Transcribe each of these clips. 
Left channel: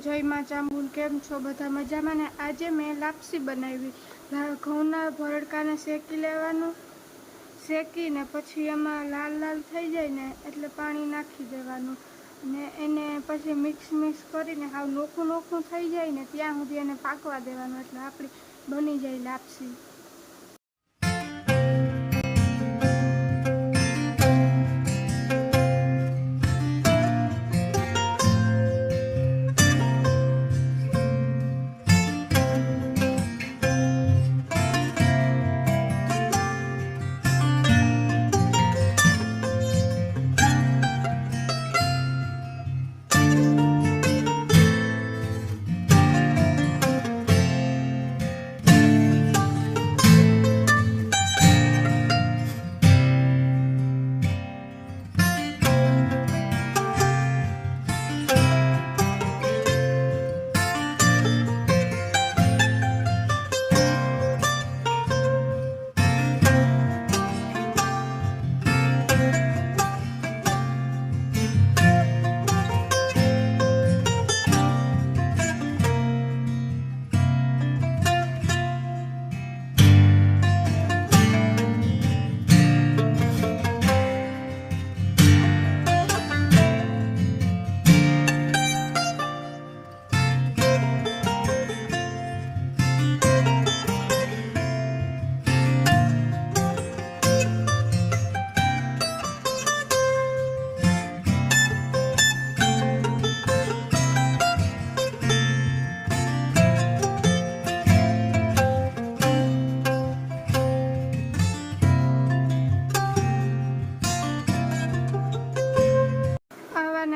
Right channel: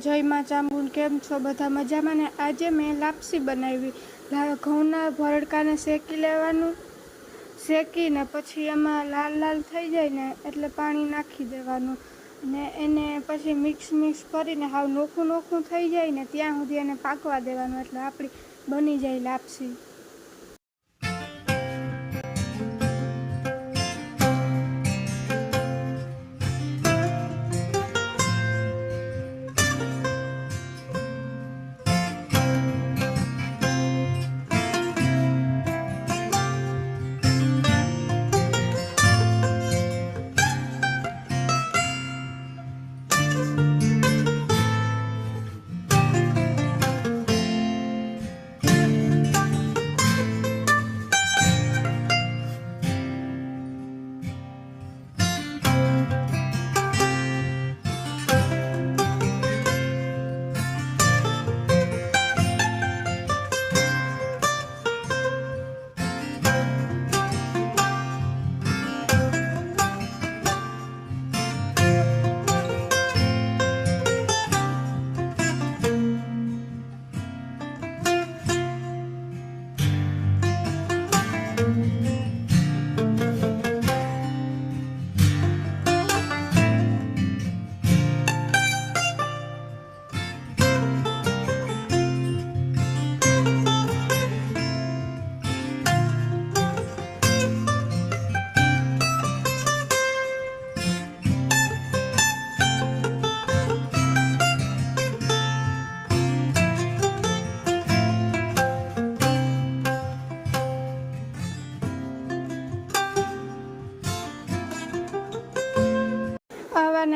जय मां चामुंड। केम छो बधा मजामां ने? आजे मैं लापसी बनावी। घઉંના ભરડકાને શેકી લેવાનું, શેકીને પછી એમાં લાલ લાલ થઈ જાય ને એટલે પાણી નાખી દેવાનું ને એને પછી મિક્સ કરીને હાવ નોખું થઈ જાય ને ત્યાં સુધી એને પાકવા દેવાનું એટલે આપણી બની જાય લાપસી।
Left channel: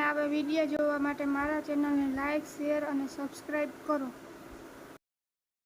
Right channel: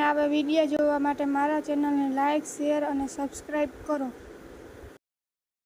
આવા વિડીયો જોવા માટે મારા ચેનલને લાઇક, શેર અને સબસ્ક્રાઈબ કરો।